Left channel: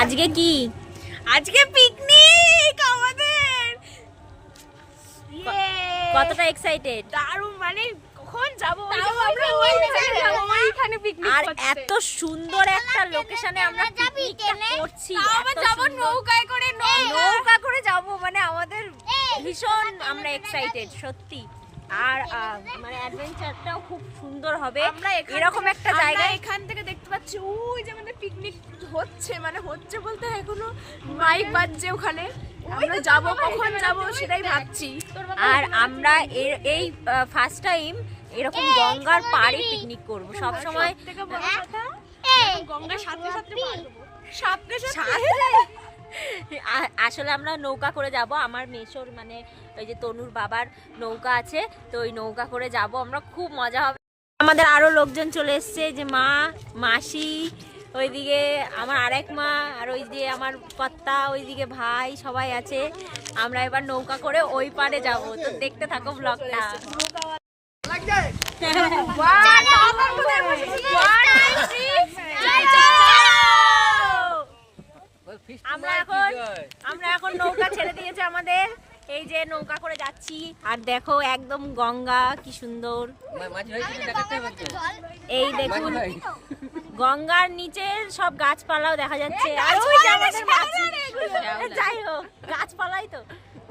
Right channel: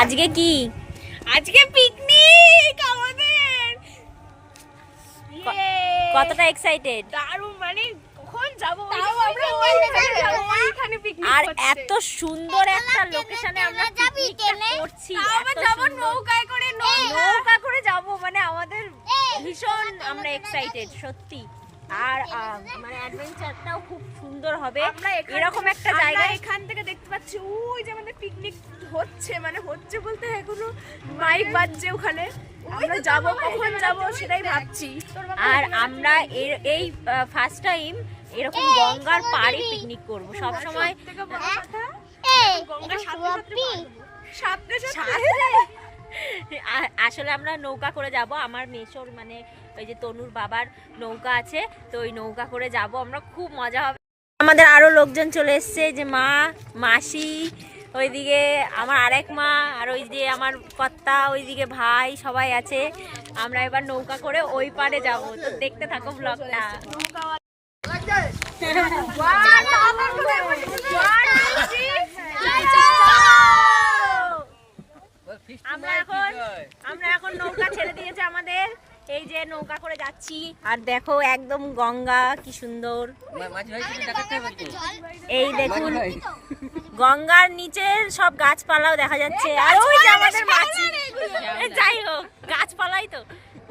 আজকে কি? আজকে পিকনিক আমাদের। কতটা এক্সাইটেড? দারুণ, মানে কখন যাব আর এত সুন্দর একটা লোকেশনে আমরা পিকনিকটা করছি। আবার যাব নৌকায় করে, নৌকা করে যাব, মানে আমাদের ভীষণ আমরা এক্সাইটেড সত্যি। আর মানে অ্যাডভেঞ্চারটাও খুব সুন্দর হবে। আমরা এরকম একটা জায়গায় এখান থেকে দেখতে পাচ্ছি ওই যে আমাদের পিকনিক হচ্ছে, মানে হচ্ছে বলতে এখনো মাইক বাজছে ওখানে। আমরা যাব, কখন যাব সেটাই ভাবছি। আর আমরা এই ফার্স্ট টাইম এরকম গঙ্গার পাড়ে পিকনিক করব। সব সময় গঙ্গার সাথে আসলে আমরা নৌকা করে যাব। আমার মেশোর মানে ওই যে তনুর বাবার নৌকা আছে, তো ওই নৌকা করে যাব আমরা, খুব মজা হবে। আমাদের আরো লোকজন চলে এসছে, যে মা, মাসি, ওইদিকে আমার আরেক মা, আর ওই যে আমার কর্তা, ওইদিকে ভাই, সবাই আছে। আমরা এবার নৌকা করে ওই পাড়ে যাব, তো দেখতে থাকো ব্লগটা। আমরা এখন নৌকা ছেড়ে দিয়েছে আমাদের, এই যে নৌকা করে যাচ্ছি। আর দেখো একদম গঙ্গা কি সুন্দর। এই দেখুন গঙ্গার নিচে সব গাছপালাও দেখা যাচ্ছে। আর ওই যে আমাদের মাঝি, যাই হোক গাছপালাই তো,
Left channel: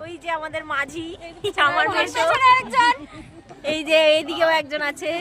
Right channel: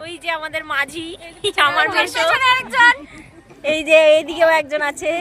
ওই যে আমাদের মাঝি, আমার মেশো একজন, এই যে এইদিকেও একজন আছে।